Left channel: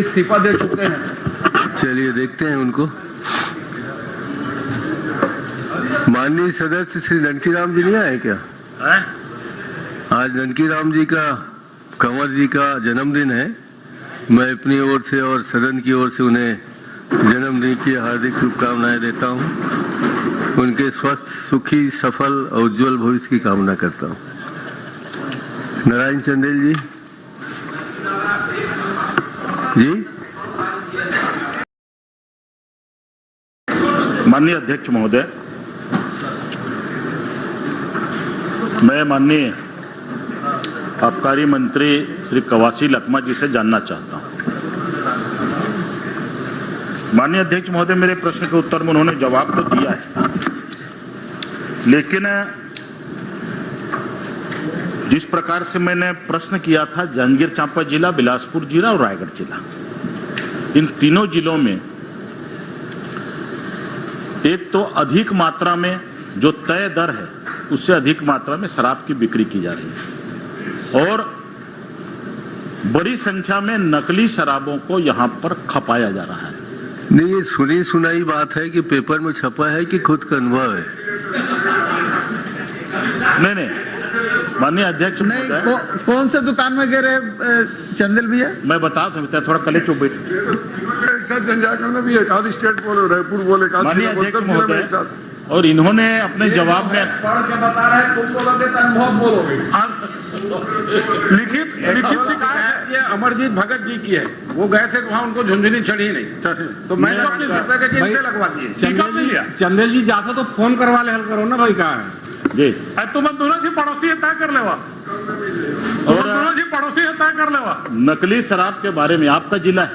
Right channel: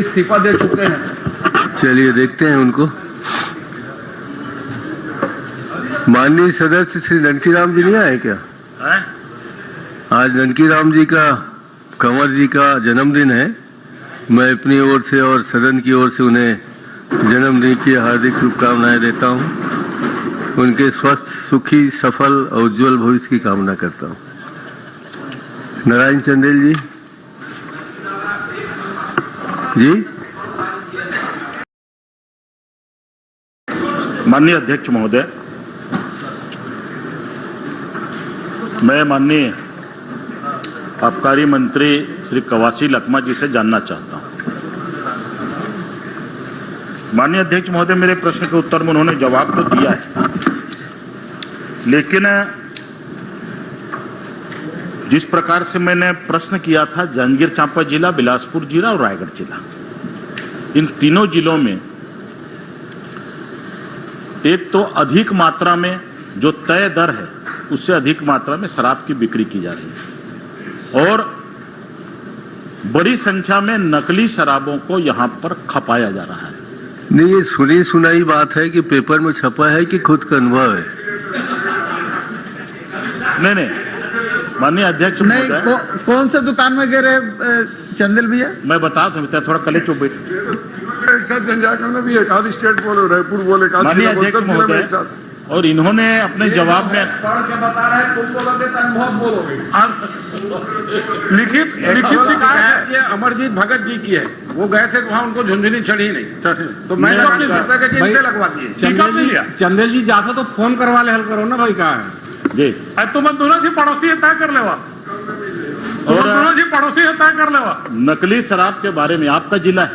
इस्तीफा दे चुके हैं। चलिए देखते हैं उनको। माननीय सदस्य श्री ननकीराम जी नहीं आए क्या? आज ननकीराम जी का, कंवर जी का जन्मदिन है। मैं अपनी ओर से और सदन की ओर से उन्हें जन्मदिन की हार्दिक शुभकामनाएं देता हूं। उनके स्वस्थ, सुखी, सफल और उज्जवल भविष्य की कामना करता हूं। नारायण चंदेल जी। जी माननीय अध्यक्ष महोदय, मैं माननीय आबकारी मंत्री श्री कवासी लखमा जी से जानना चाहता हूं। माननीय अध्यक्ष महोदय, मेरे प्रश्न के उत्तर में उन्होंने जवाब तो दिया है, लेकिन जिस प्रकार से मैंने प्रश्न किया था, जांजगीर चांपा जिला, बिलासपुर जिला और रायगढ़ जिला, इन तीनों जिलों में एक तो अधिक मात्रा में जो तय दर है उससे अधिक मात्रा में शराब की बिक्री की जा रही है और बड़ी संख्या में नकली शराबों को यहां पर खपाया जा रहा है। नहीं, ये सुनी सुनाई बात है कि पेपर में छपा है कि खुद का अनुभव है? नहीं, माननीय अध्यक्ष नहीं, कौन से दुकान में गए रहे चंदेल भैया? मैं बता सकता, थोड़ा कले चुप भी एक आधी स्टेट बोले, रायपुर बोले, माननीय अध्यक्ष महोदय, और इन्होंने अपने जवाब में बता रहे हैं, तुम बोलोगे तो अनुभव बोलोगे। लिखित शिकायत ये अमरजीत भगत जी की है। वो गए थे वहाँ, उनको झुंझुनी चढ़ी नहीं, तो मैं अपनी सत्ता के जिनसे लगवा दिए। चंदेल जी जाता तो फोन करवा ले, हल करो ना भाई। कहाँ है जी? तुम दोनों से पड़ोसी है, तय कर लेवा। और दोनों से पड़ोसी है, तय कर लेवा। नकली शराब के बारे में आपका जिला है,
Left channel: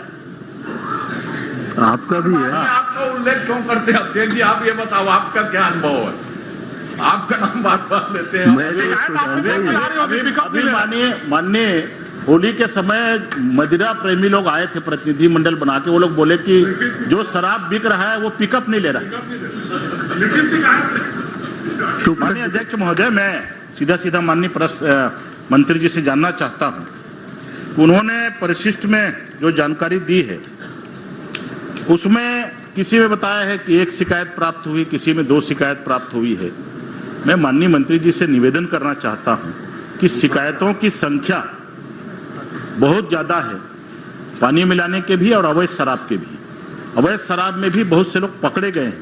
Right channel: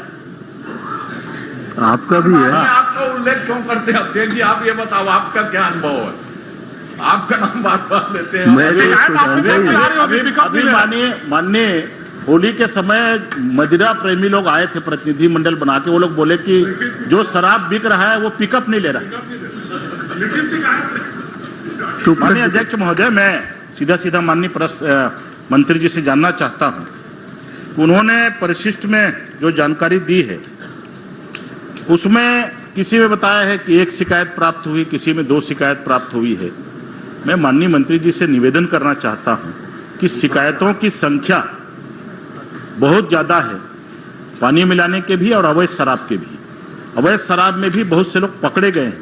आपका भी है। आपका उल्लेख क्यों करते हैं अध्यक्ष जी? आप ये बताओ, आपका क्या अनुभव है? आपका नाम बात बात लेते हैं। अभी माननीय होली के समय मदिरा प्रेमी लोग आए थे, प्रतिनिधि मंडल बना के। वो लोग बोले कि जो शराब बिक रहा है वो पिकअप नहीं ले रहा। माननीय अध्यक्ष महोदय, मैं सीधा माननीय मंत्री जी से जानना चाहता हूं, उन्होंने परिशिष्ट में जो जानकारी दी है उसमें किसी में बताया है कि 1 शिकायत प्राप्त हुई, किसी में 2 शिकायत प्राप्त हुई है। मैं माननीय मंत्री जी से निवेदन करना चाहता हूं कि शिकायतों की संख्या बहुत ज्यादा है, पानी मिलाने के भी और अवैध शराब के भी। अवैध शराब में भी बहुत से लोग पकड़े गए हैं,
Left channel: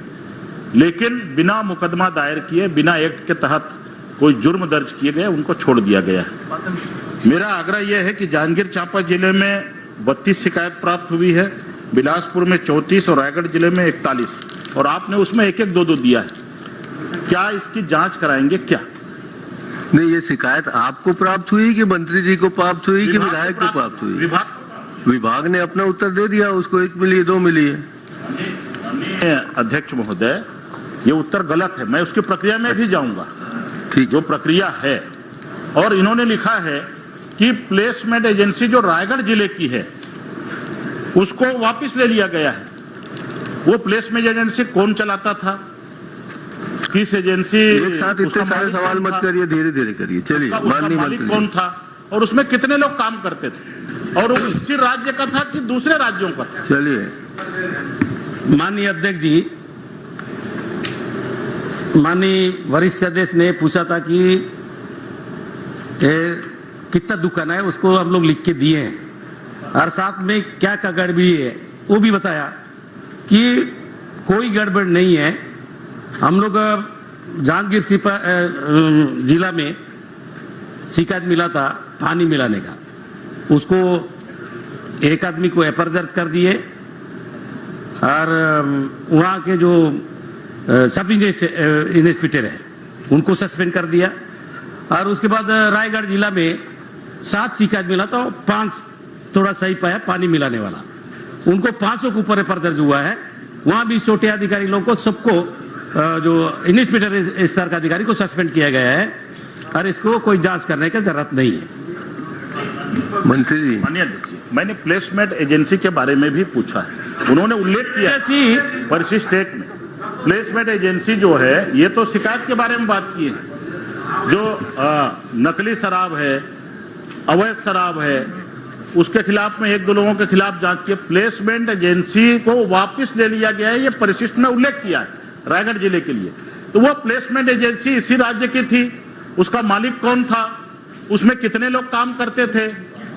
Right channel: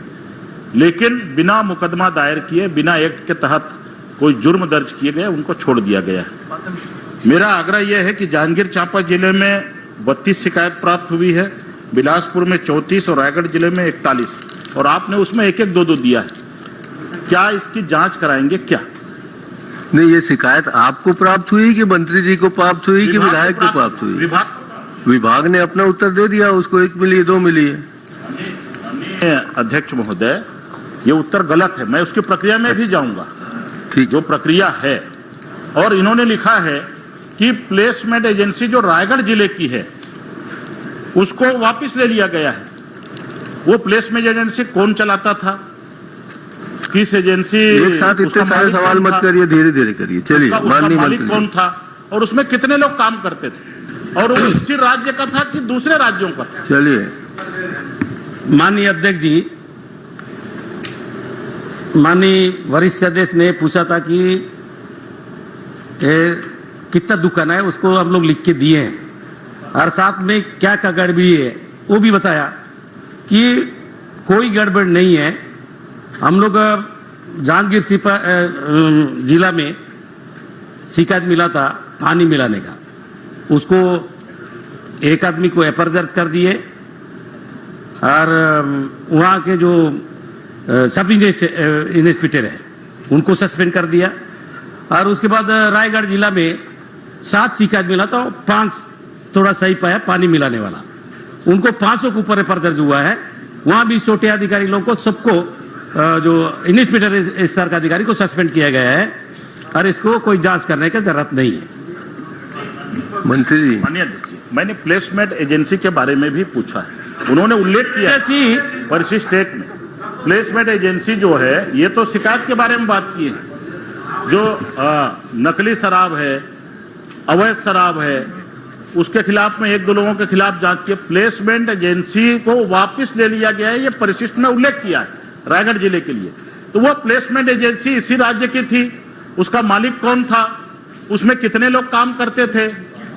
लेकिन बिना मुकदमा दायर किए, बिना एक्ट के तहत कोई जुर्म दर्ज किए गए, उनको छोड़ दिया गया है। मेरा आग्रह यह है कि जांजगीर चांपा जिले में 32 शिकायत प्राप्त हुई है, बिलासपुर में 34 और रायगढ़ जिले में 41, और आपने उसमें 1-1, 2-2 दिया है। क्या इसकी जांच कराएंगे क्या? नहीं, ये शिकायत आपको प्राप्त हुई कि मंत्री जी को प्राप्त हुई कि विधायक को प्राप्त हुई? विभाग ने अपना उत्तर दे दिया, उसको 1 मिली है, 2 मिली है। अध्यक्ष महोदय, ये उत्तर गलत है, मैं उसकी प्रक्रिया में भी जाऊंगा। ठीक, जो प्रक्रिया है, और इन्होंने लिखा है कि प्लेसमेंट एजेंसी जो रायगढ़ जिले की है उसको वापस ले लिया गया है। वो प्लेसमेंट एजेंसी कौन चलाता था, किस एजेंसी? एक साथ इतने सारे सवाल मत करिए, धीरे धीरे करिए। चलिए, माननीय मंत्री कौन था और उसमें कितने लोग काम करते थे, और वो इसी राज्य का था कि दूसरे राज्यों का था? चलिए। माननीय अध्यक्ष जी, माननीय वरिष्ठ सदस्य ने पूछा था कि कितना दुकान है, उसको हम लोग लिख के दिए हैं, और साथ में क्या क्या गड़बड़ी है वो भी बताया कि कोई गड़बड़ नहीं है। हम लोग जांजगीर जिला में शिकायत मिला था पानी मिलाने का, उसको एक आदमी को एफआईआर दर्ज कर दिए, और वहां के जो सब इंस्पेक्टर है उनको सस्पेंड कर दिया। और उसके बाद रायगढ़ जिला में 7 शिकायत मिला था, 5 थोड़ा सही पाया पानी मिलाने वाला, उनको 500 के ऊपर एफआईआर दर्ज हुआ है। वहां भी छोटे अधिकारी लोगों को, सबको, जो इंस्पेक्टर स्तर का अधिकारी को सस्पेंड किया गया है, और इसको कोई जांच करने की जरूरत नहीं है। मंत्री जी, माननीय अध्यक्ष जी, मैंने प्लेसमेंट एजेंसी के बारे में भी पूछा, उन्होंने उल्लेख किया परिशिष्ट एक में। प्लेसमेंट एजेंसी जो है, ये तो शिकायत के बारे में बात की है, जो नकली शराब है, अवैध शराब है, उसके खिलाफ में 1-2 लोगों के खिलाफ जांच की। प्लेसमेंट एजेंसी को वापस ले लिया गया है, ये परिशिष्ट में उल्लेख किया है रायगढ़ जिले के लिए। तो वो प्लेसमेंट एजेंसी इसी राज्य की थी, उसका मालिक कौन था, उसमें कितने लोग काम करते थे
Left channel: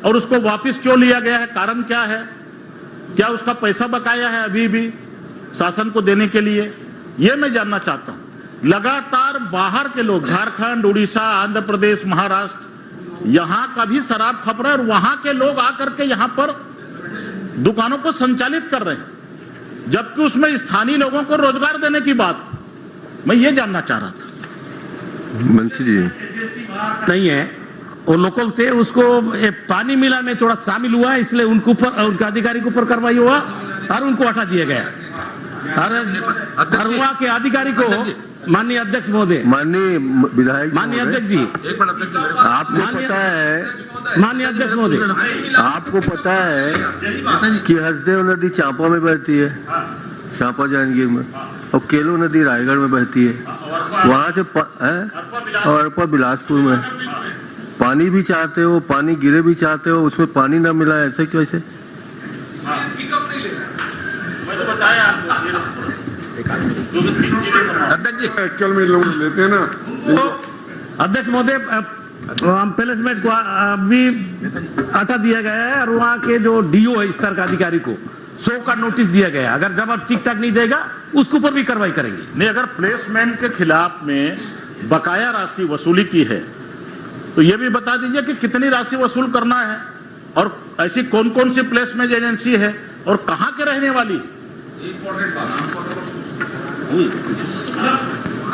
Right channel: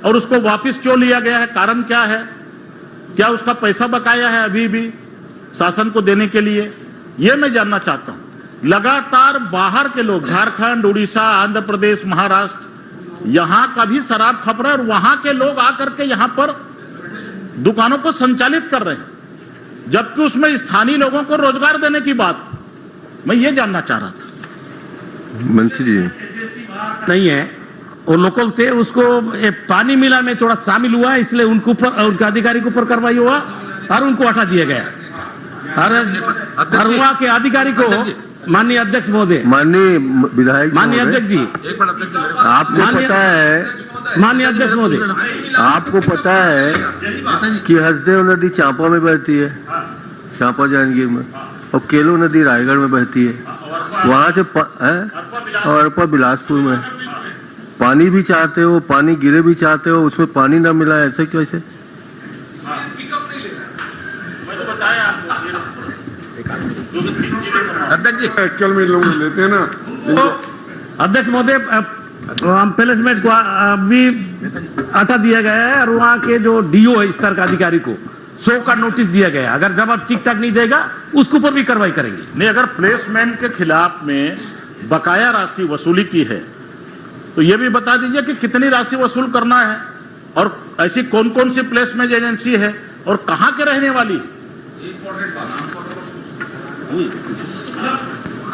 और उसको वापस क्यों लिया गया है, कारण क्या है, क्या उसका पैसा बकाया है अभी भी शासन को देने के लिए, ये मैं जानना चाहता हूं। लगातार बाहर के लोग झारखंड, उड़ीसा, आंध्र प्रदेश, महाराष्ट्र, यहां का भी शराब खप रहा है और वहां के लोग आकर के यहां पर दुकानों को संचालित कर रहे हैं, जबकि उसमें स्थानीय लोगों को रोजगार देने की बात, मैं ये जानना चाह रहा था। मंत्री जी नहीं है, वो लोकल थे, उसको पानी मिला में थोड़ा शामिल हुआ, इसलिए उनके ऊपर, उनके अधिकारी के ऊपर कार्रवाई हुआ और उनको हटा दिया गया। और वहाँ के अधिकारी को माननीय अध्यक्ष महोदय, माननीय विधायक, माननीय अध्यक्ष जी, आपको पता है, माननीय अध्यक्ष महोदय, आपको पता है कि हसदेव नदी चांपा में बहती है, चांपा जांजगीर में, और केलो नदी रायगढ़ में बहती है, वहां से और अरपा बिलासपुर में। पानी भी चाहते हो, पानी गिरे भी चाहते हो, उसमें पानी ना मिला, ऐसे कैसे? अध्यक्ष जी एक्चुअल में लोग लेते हैं ना। अध्यक्ष महोदय, प्लेसमेंट को अभी हटा दिया गया है और वहाँ के जो डीओ है स्तर का अधिकारी को 100 का नोटिस दिया गया है। अगर जवाब ठीक ठाक नहीं देगा उसके ऊपर भी कार्रवाई करेंगे। नहीं, अगर प्लेसमेंट के खिलाफ में बकाया राशि वसूली की है तो ये भी बता दीजिए कि कितनी राशि वसूल करना है और ऐसी कौन कौन सी प्लेसमेंट एजेंसी है और कहां के रहने वाली।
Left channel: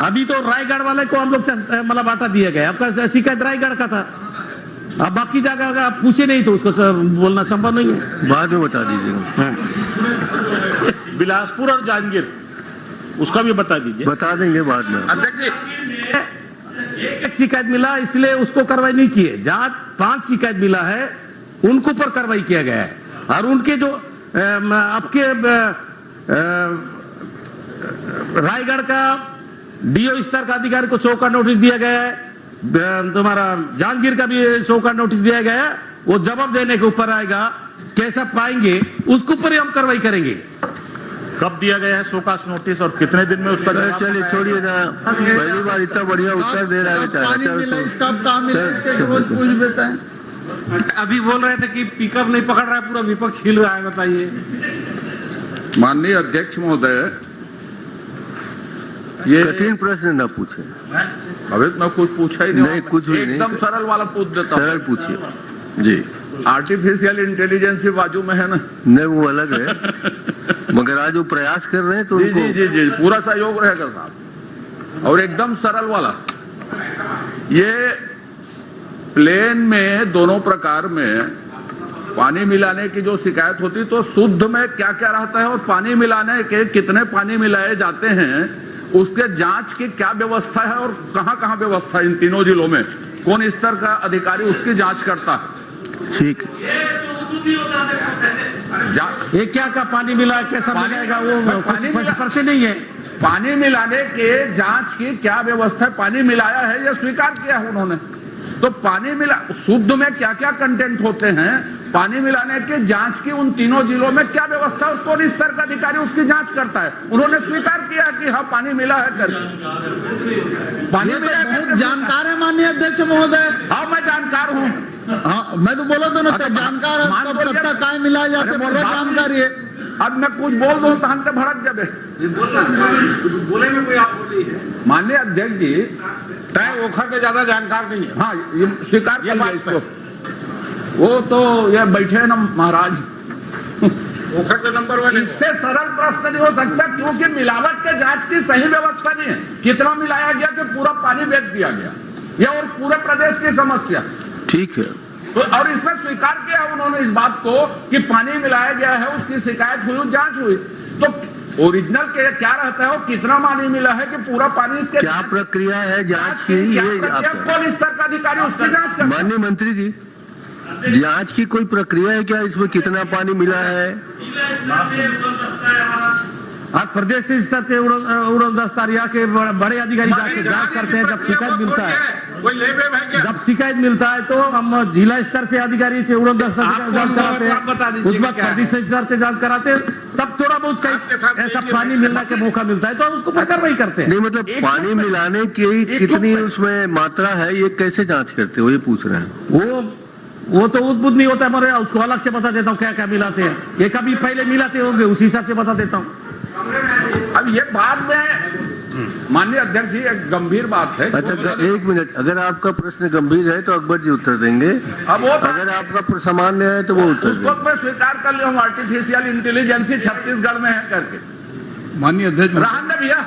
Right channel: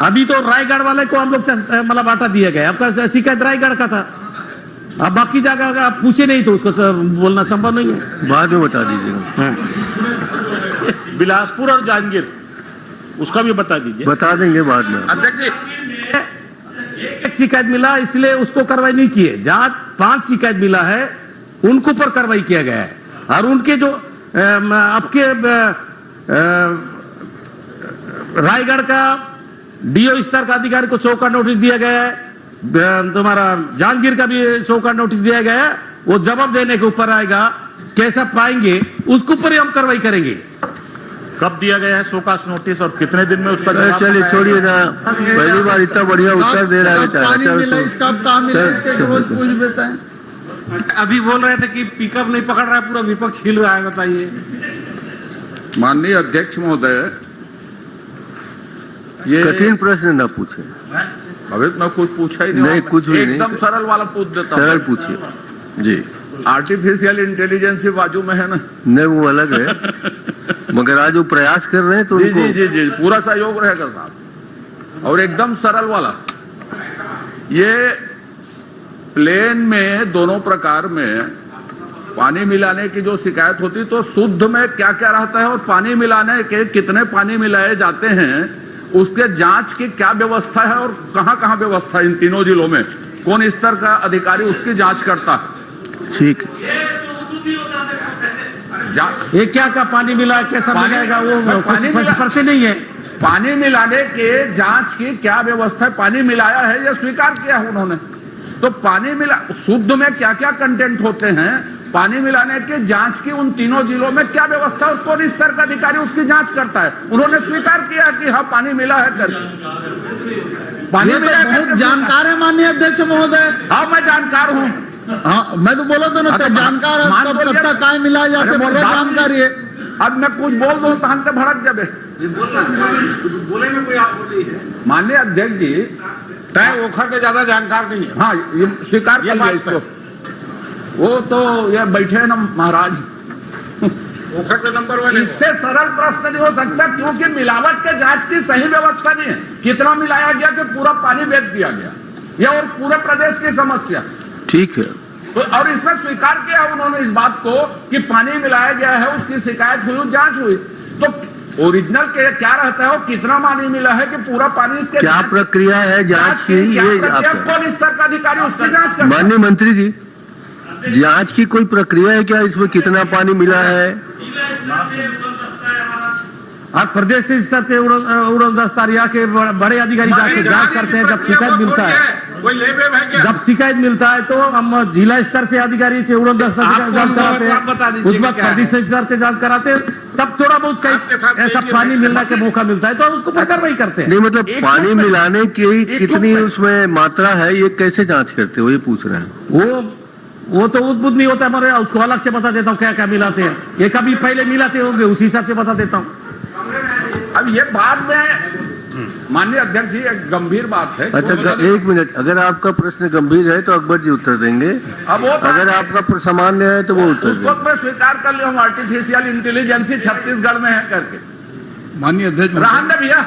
अभी तो रायगढ़ वाले को हम लोग मतलब हटा दिया गया, आपका शिकायत रायगढ़ का था, अब बाकी जगह का आप पूछे नहीं तो उसको बोलना संभव नहीं है, बाद में बता दीजिएगा। बिलासपुर और जांजगीर उसका भी बता दीजिए। बता देंगे बाद में। अध्यक्ष जी एक शिकायत मिला इसलिए उसको कार्रवाई नहीं की है, जहां 5 शिकायत मिला है उनको ऊपर कार्रवाई किया गया है और उनके जो आपके रायगढ़ का डीओ स्तर का अधिकारी को 100 का नोटिस दिया गया है, तुम्हारा जांजगीर का भी 100 का नोटिस दिया गया है, वो जवाब देने के ऊपर आएगा, कैसा पाएंगे उसके ऊपर ही हम कार्रवाई करेंगे। कब दिया गया है 100 का नोटिस और कितने दिन में उसका जवाब? चलिए छोड़िए ना, पहली बार इतना बढ़िया उत्तर दे रहा है पानी मिला, इसका काम मिला, इसके रोज पूछ देता है। अभी बोल रहे थे कि पिकअप नहीं पकड़ रहा है, पूरा विपक्ष हिल रहा है, बताइए। माननीय अध्यक्ष महोदय, ये कठिन प्रश्न न पूछे। अभी मैं कुछ पूछा ही नहीं, कुछ भी नहीं, एकदम सरल वाला पूछ देता हूं। सरल पूछिए जी। आर्टिफिशियल इंटेलिजेंस बाजू में है ना? नहीं, वो अलग है, मगर आज वो प्रयास कर रहे हैं तो जी उनको जी जी जी पूरा सहयोग रहेगा साहब। और एकदम सरल वाला, ये प्लेन में दोनों प्रकार में पानी मिलाने की जो शिकायत होती तो शुद्ध में क्या क्या रहता है और पानी मिलाने के कितने पानी मिलाए जाते हैं उसके जांच की क्या व्यवस्था है और कहां कहां व्यवस्था है, इन तीनों जिलों में कौन स्तर का अधिकारी उसकी जांच करता है? ठीक। ये क्या पानी मिला, कैसा मिलाएगा, वो पानी पर्चे नहीं है। पानी मिलाने के जांच की क्या व्यवस्था है? पानी मिलाया है ये स्वीकार किया है उन्होंने, तो पानी मिला शुद्ध में क्या क्या कंटेंट होते हैं, पानी मिलाने के जांच की उन तीनों जिलों में क्या व्यवस्था और कौन स्तर का अधिकारी उसकी जांच करता है? उन्होंने स्वीकार किया कि हाँ पानी मिला है कर पानी मिला। बहुत जानकार है माननीय अध्यक्ष महोदय। हाँ मैं जानकार हूँ। हाँ मैं तो बोला था ना, जानकार कब तक काय मिला जाते, पूरा जानकारी है। अब मैं कुछ बोल दूं तो हम तो भड़क जाबे। माननीय अध्यक्ष जी, तय ओखा के ज्यादा जानकार नहीं है। हाँ ये स्वीकार कर लिया इसको, वो तो ये बैठे हैं ना महाराज, ओखा के नंबर वाले। इससे सरल प्रश्न नहीं हो सकता क्योंकि मिलावट के जांच की सही व्यवस्था नहीं है। कितना मिलाया गया कि पूरा पानी बेच दिया गया, यह और पूरे प्रदेश की समस्या। ठीक है, तो और इसमें स्वीकार किया उन्होंने इस बात को कि पानी मिलाया गया है, उसकी शिकायत हुई, जांच हुई, तो ओरिजिनल के क्या रहता है और कितना पानी मिला है कि पूरा पानी इसके क्या प्रक्रिया है जांच की, ये कौन स्तर का अधिकारी उसकी जांच करता है? माननीय मंत्री जी, जांच की कोई प्रक्रिया है क्या, इसमें कितना पानी मिला है? और प्रदेश स्तर से उड़न दस्ता के बड़े अधिकारी जाके जांच करते हैं, जब शिकायत मिलता है कोई लेबेब है क्या? जब शिकायत मिलता है तो हम जिला स्तर से अधिकारी से उड़न दस्ता से जांच कराते हैं, उसके बाद प्रदेश स्तर से जांच कराते हैं, तब थोड़ा बहुत कहीं ऐसा पानी मिलने का मौका मिलता है तो उसको पर कार्रवाई करते हैं। नहीं मतलब पानी मिलाने की कितनी उसमें मात्रा है, ये कैसे जांच करते हो, ये पूछ रहे हैं। वो तो उद्भुत नहीं होता हमारे, उसको अलग से बता देता हूँ क्या क्या मिलाते हैं, ये कभी पहले मिलाते होंगे उसी हिसाब से बता देता हूँ। अब ये बाद में माननीय अध्यक्ष जी एक गंभीर बात है। अच्छा एक मिनट, अगर आपका प्रश्न गंभीर है तो अकबर जी उत्तर देंगे, अगर आपका सामान्य है तो वो उत्तर देंगे। उसको मैं स्वीकार कर लिया हूँ, आर्टिफिशियल इंटेलिजेंस छत्तीसगढ़ में है करके। माननीय अध्यक्ष राहन ने भैया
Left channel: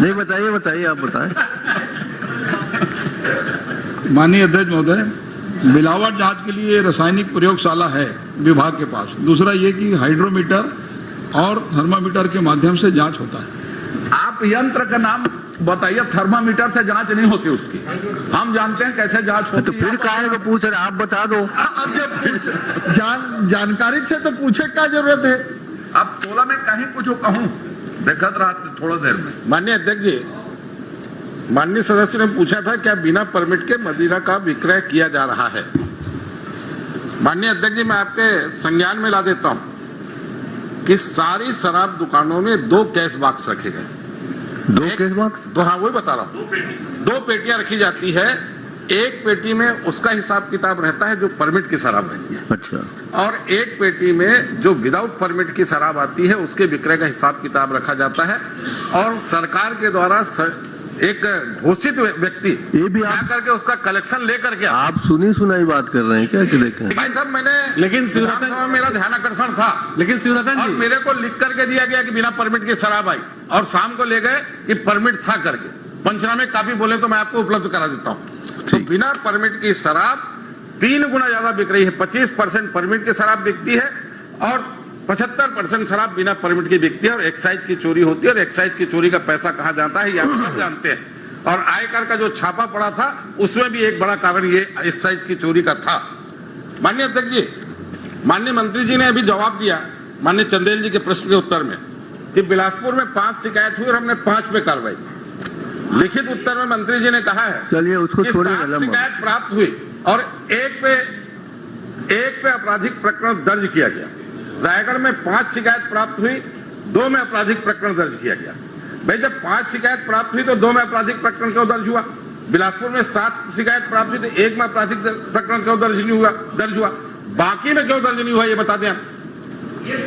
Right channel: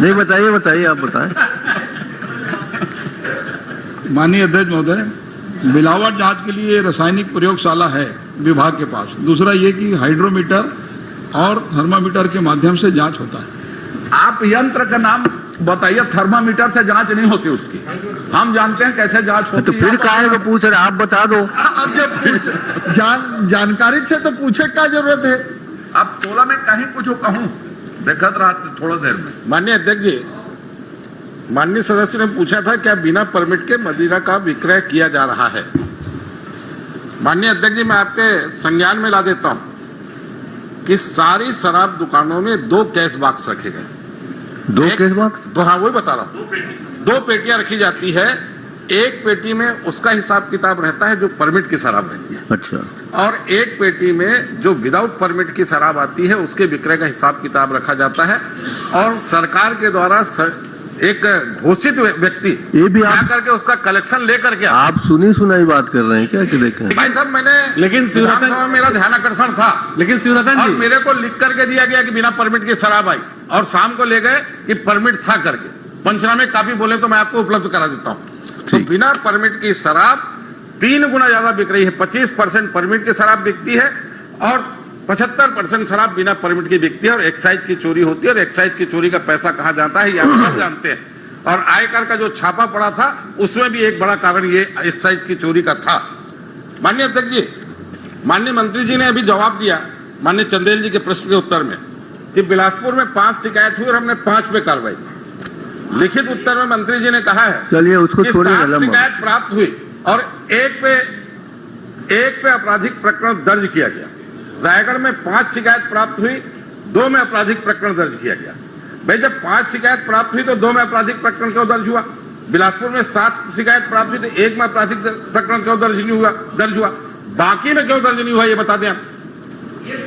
नहीं बताइए आप बताएं। माननीय अध्यक्ष महोदय, मिलावट जांच के लिए रासायनिक प्रयोगशाला है विभाग के पास। दूसरा ये कि हाइड्रोमीटर और थर्मामीटर के माध्यम से जांच होता है। आप यंत्र का नाम बताइए, थर्मामीटर से जांच नहीं होती उसकी, हम जानते हैं कैसे जांच होती तो फिर काहे को पूछ रहे, आप बता दो। अब जब जानकारी से तो पूछे क्या जरूरत है। अब तोला में कहीं कुछ कहूं, देखत रहा थोड़ा देर में। माननीय अध्यक्ष जी, माननीय सदस्य ने पूछा था क्या बिना परमिट के मदिरा का विक्रय किया जा रहा है। माननीय अध्यक्ष जी, मैं आपके संज्ञान में ला देता हूं कि सारी शराब दुकानों में 2 कैश बॉक्स रखे गए। 2 कैश बॉक्स? हाँ, वही बता रहा हूं। 2 पेटियां रखी जाती है, एक पेटी में उसका हिसाब किताब रहता है जो परमिट की शराब रहती है। अच्छा। और एक पेटी में जो विदाउट परमिट की शराब आती है उसके विक्रय का हिसाब किताब रखा जाता है। और सरकार के द्वारा एक घोषित व्यक्ति ये भी आप करके उसका कलेक्शन लेकर के आप सुनी सुनाई बात कर रहे हैं क्या कि देखें? भाई साहब, मैंने लेकिन शिवरतन मेरा ध्यान आकर्षण था, लेकिन शिवरतन और जी मेरे को लिख करके दिया गया कि बिना परमिट की शराब आई, और शाम को ले गए कि परमिट था करके। पंचनामे काफी बोले तो मैं आपको उपलब्ध करा देता हूँ। तो बिना परमिट की शराब 3 गुना ज्यादा बिक रही है। 25% परमिट की शराब बिकती है और 75% शराब बिना परमिट की बिकती है। और एक्साइज की चोरी होती है, और एक्साइज की चोरी का पैसा कहाँ जाता है ये आप सब जानते हैं। और आयकर का जो छापा पड़ा था उसमें भी एक बड़ा कारण ये एक्साइज की चोरी का था। माननीय अध्यक्ष जी, माननीय मंत्री जी ने अभी जवाब दिया माननीय चंदेल जी के प्रश्न के उत्तर में कि बिलासपुर में 5 शिकायत हुई और हमने 5 पे कार्रवाई। लिखित उत्तर में मंत्री जी ने कहा है चलिए उसको छोड़िए, 7 शिकायत प्राप्त हुई और एक पे आपराधिक प्रकरण दर्ज किया गया। रायगढ़ में 5 शिकायत प्राप्त हुई, 2 में आपराधिक प्रकरण दर्ज किया गया। भाई जब 5 शिकायत प्राप्त हुई तो 2 में आपराधिक प्रकरण क्यों दर्ज हुआ? बिलासपुर में 7 शिकायत प्राप्त हुई तो 1 में आपराधिक प्रकरण क्यों दर्ज हुआ? बाकी में क्यों दर्ज नहीं हुआ ये बता दें आप।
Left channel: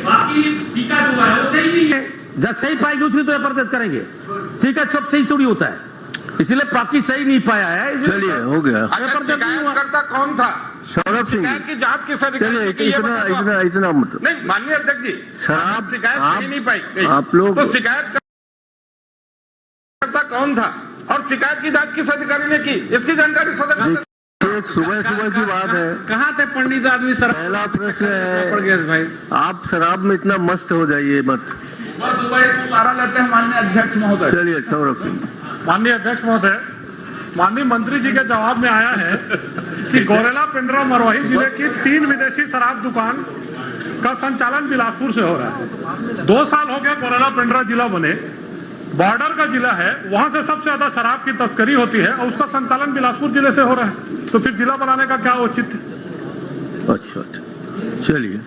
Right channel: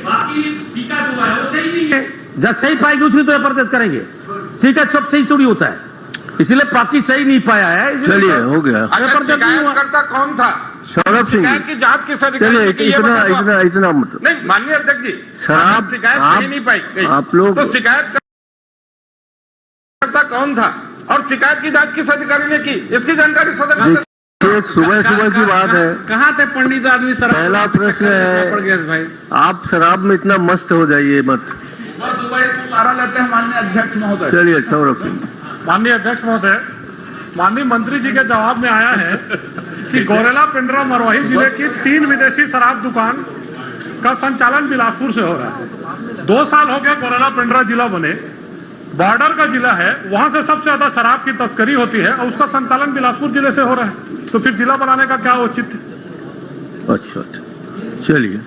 बाकी शिकायत हुआ है वो सही नहीं है, जब सही पाएगी उसकी तो एफआईआर करेंगे। शिकायत सब सही थोड़ी होता है, इसलिए बाकी सही नहीं पाया है। चलिए हो गया। शिकायतकर्ता कौन था? सौरभ सिंह, शिकायत की जांच किस चलिए इतना मत। नहीं माननीय अध्यक्ष जी, शराब शिकायत सही नहीं पाई आप लोग तो शिकायत कौन था और शिकायत की जांच किस अधिकारी ने की, इसकी जानकारी सदन। सुबह की बात है। कहाँ थे पंडित आदमी? पहला प्रश्न है, भाई आप शराब में इतना मस्त हो जाइए मत। तारा लेते हैं माननीय अध्यक्ष महोदय। चलिए सौरभ सिंह। माननीय अध्यक्ष महोदय, माननीय मंत्री जी के जवाब में आया है कि गौरेला पिंडरा मरवाही जिले की 3 विदेशी शराब दुकान का संचालन बिलासपुर से हो रहा है। 2 साल हो गया गौरेला पिंडरा जिला बने, बॉर्डर का जिला है, वहां से सबसे ज्यादा शराब की तस्करी होती है और उसका संचालन बिलासपुर जिले से हो रहा है। तो फिर जिला बनाने का क्या औचित्य? अच्छा चलिए,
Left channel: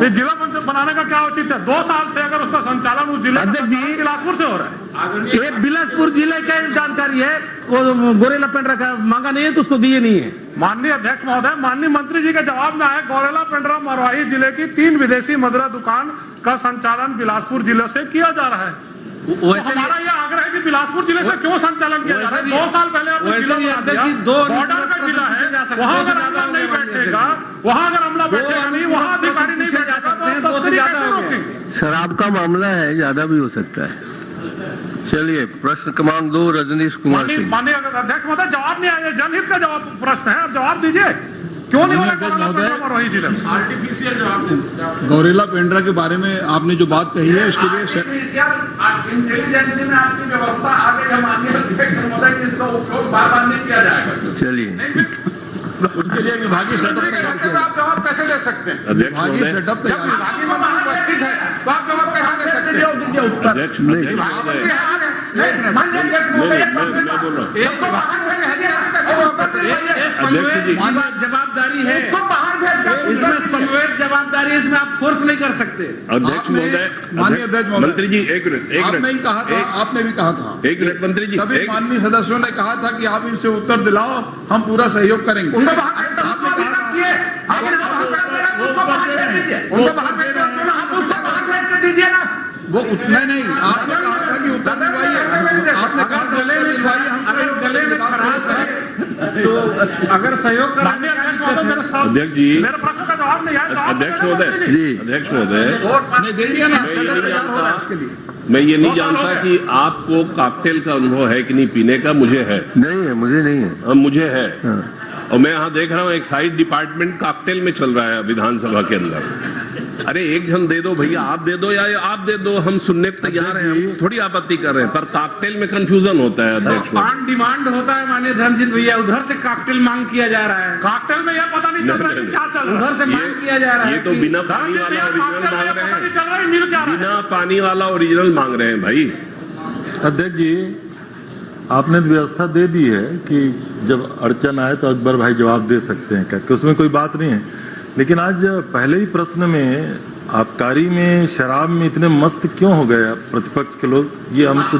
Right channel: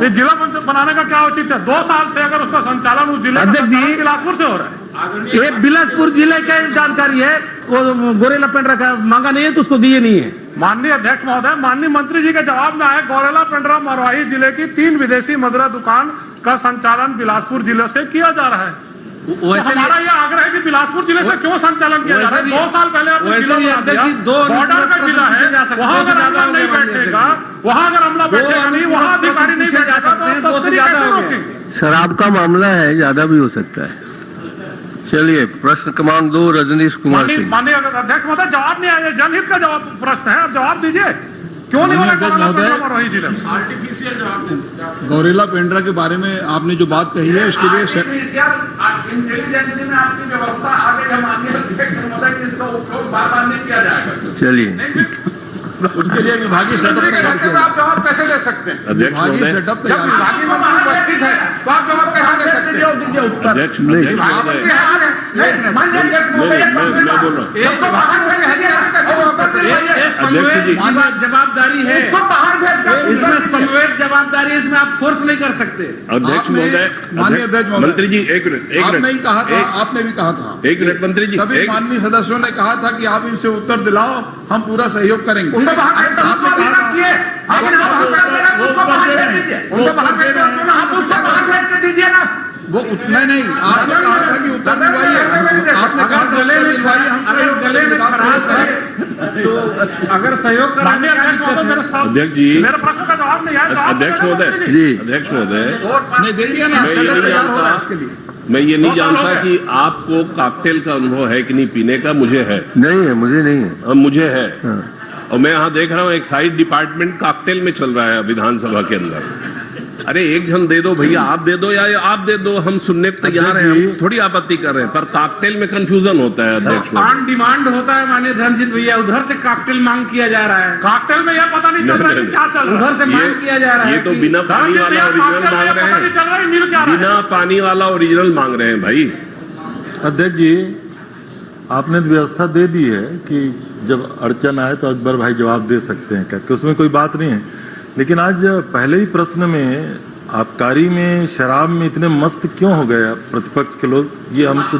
ये जिला बनाने का क्या औचित्य है? 2 साल से अगर उसका संचालन उस जिले का बिलासपुर से हो रहा है। ये बिलासपुर जिले का जानकारी है, वो गोरेला पेंड्रा का मांगा नहीं है तो उसको दिए नहीं है। माननीय अध्यक्ष महोदय, माननीय मंत्री जी के जवाब में आए गौरेला पिंडरा मरवाही जिले की 3 विदेशी मदिरा दुकान का संचालन बिलासपुर जिले से किया जा रहा है। तो हमारा यह आग्रह है कि बिलासपुर जिले से क्यों संचालन किया जा रहा है? 2 साल पहले आपने जिला बना दिया, बॉर्डर का जिला है, वहाँ अगर अमला नहीं बैठेगा, वहाँ अगर अमला बैठेगा नहीं, वहाँ अधिकारी नहीं बैठेगा तो तस्करी कैसे रोकेंगे? शराब का मामला है, ज्यादा भी हो सकता है। चलिए प्रश्न क्रमांक 2 रजनीश कुमार सिंह। माननीय अध्यक्ष महोदय, जवाब नहीं आया, जनहित का जवाब प्रश्न है, आप जवाब दीजिए। क्यों नहीं आर्टिफिशियल जवाब? गौरेला पेंड्रा के बारे में आपने जो बात कही है उसके लिए इंटेलिजेंस में आपकी व्यवस्था आ गई है माननीय अध्यक्ष महोदय, इसका उपयोग बार-बार नहीं किया जाएगा। चलिए उनके लिए विभागीय सेटअप तैयार किया। आप जवाब कैसे दे सकते हैं? अध्यक्ष विभागीय महोदय, सेटअप जब तैयार विभागीय मंत्री उपस्थित है तो आप जवाब कैसे दे सकते हैं? अध्यक्ष महोदय, मैं बोल रहा हूँ। जवाबदारी है, इसमें संवेद जवाबदारी, इसमें आप फोर्स नहीं कर सकते। अध्यक्ष महोदय, माननीय अध्यक्ष महोदय, मंत्री जी एक मिनट, आपने ही कहा था, आपने भी कहा था, एक मिनट मंत्री जी, सभी माननीय सदस्यों ने कहा था कि आप इनसे उत्तर दिलाओ, हम पूरा सहयोग करेंगे। उनको बाहर उनको बाहर भेज के दीजिए ना। वो उतना नहीं, आपने कहा था कि उत्तर दिलवाइए, आपने कहा गले में दिलवाइए, हम गले में खराश है तो अगर सहयोग माननीय अध्यक्ष महोदय, मेरे साथ अध्यक्ष जी, मेरे प्रश्न का जवाब नहीं आया। अध्यक्ष महोदय जी, अध्यक्ष महोदय, नहीं देंगे ना, मैं ये नहीं तैयार हो रहा है जानता, इसके लिए। मैं ये नहीं जानता कि आपको कॉकटेल का अनुभव है कि नहीं पीने का, मुझे है। नहीं है, मुझे नहीं है। मुझे है, और मैं यहाँ देख रहा हूँ एक साइड डिपार्टमेंट कॉकटेल में चल रहा है विधानसभा के अंदर। अरे एक जन दे दो भैया, आप दे दो या आप दे दो, हम सुनने को तैयार हैं, हम थोड़ी आपत्ति कर रहे हैं, पर कॉकटेल में कंफ्यूजन होता है अध्यक्ष। ऑन डिमांड होता है माननीय धर्मजीत भैया, उधर से कॉकटेल मांग किया जा रहा है, कॉकटेल में यह पता नहीं चल रहा है कि क्या चल रहा है। उधर से मांग किया जा रहा है। ये तो बिना पानी वाला ओरिजिनल मांग रहे पता नहीं चल रहा है मिल क्या हैं, रहा है। बिना पानी वाला ओरिजिनल मांग रहे हैं भाई। अध्यक्ष जी, आपने व्यवस्था दे दी है कि जब अड़चन आए तो अकबर भाई जवाब दे सकते हैं करके, उसमें कोई बात नहीं है। लेकिन आज पहले ही प्रश्न में आबकारी में शराब में इतने मस्त क्यों हो गए प्रतिपक्ष के लोग, ये हमको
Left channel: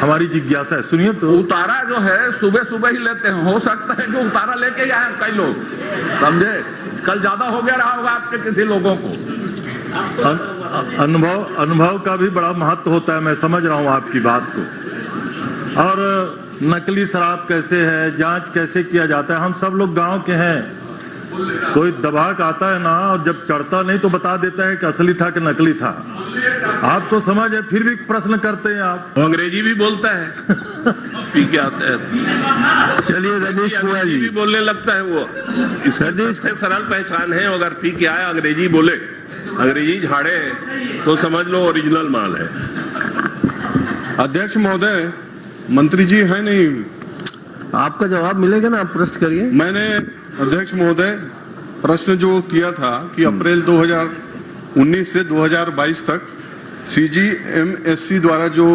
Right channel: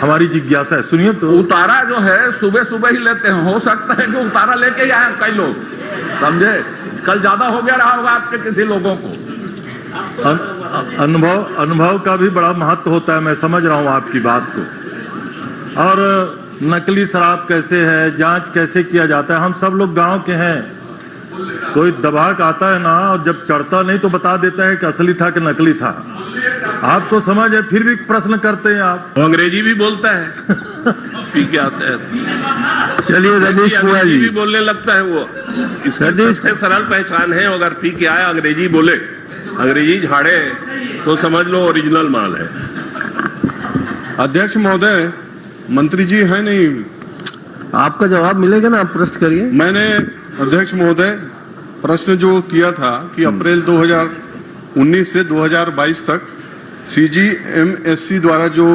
हमारी जिज्ञासा है। सुनिए तो, उतारा जो है सुबह सुबह ही लेते हैं, हो सकता है कि उतारा लेके जाए कई लोग, समझे, कल ज्यादा हो गया रहा होगा आपके किसी लोगों को। अनुभव का भी बड़ा महत्व होता है, मैं समझ रहा हूँ आपकी बात को। और नकली शराब कैसे है, जांच कैसे किया जाता है, हम सब लोग गांव के हैं। कोई दबाक आता है ना, और जब चढ़ता नहीं तो बता देता है कि असली था कि नकली था। आपको समझ है, फिर भी प्रश्न करते हैं आप। वो अंग्रेजी भी बोलता है पी के आते हैं। चलिए रनीश कुमार अंग्रेजी भी जी, बोलने लगता है वो, इसकी सबसे सरल पहचान है, अगर पी के आया अंग्रेजी बोले, अंग्रेजी झाड़े तो समझ लो ओरिजिनल माल है। अध्यक्ष महोदय, मंत्री जी है नहीं, आपका जवाब मिलेगा ना, आप प्रश्न करिए। मैंने अध्यक्ष महोदय प्रश्न जो किया था कि अप्रैल 2019 से 2022 तक CGMSC द्वारा जो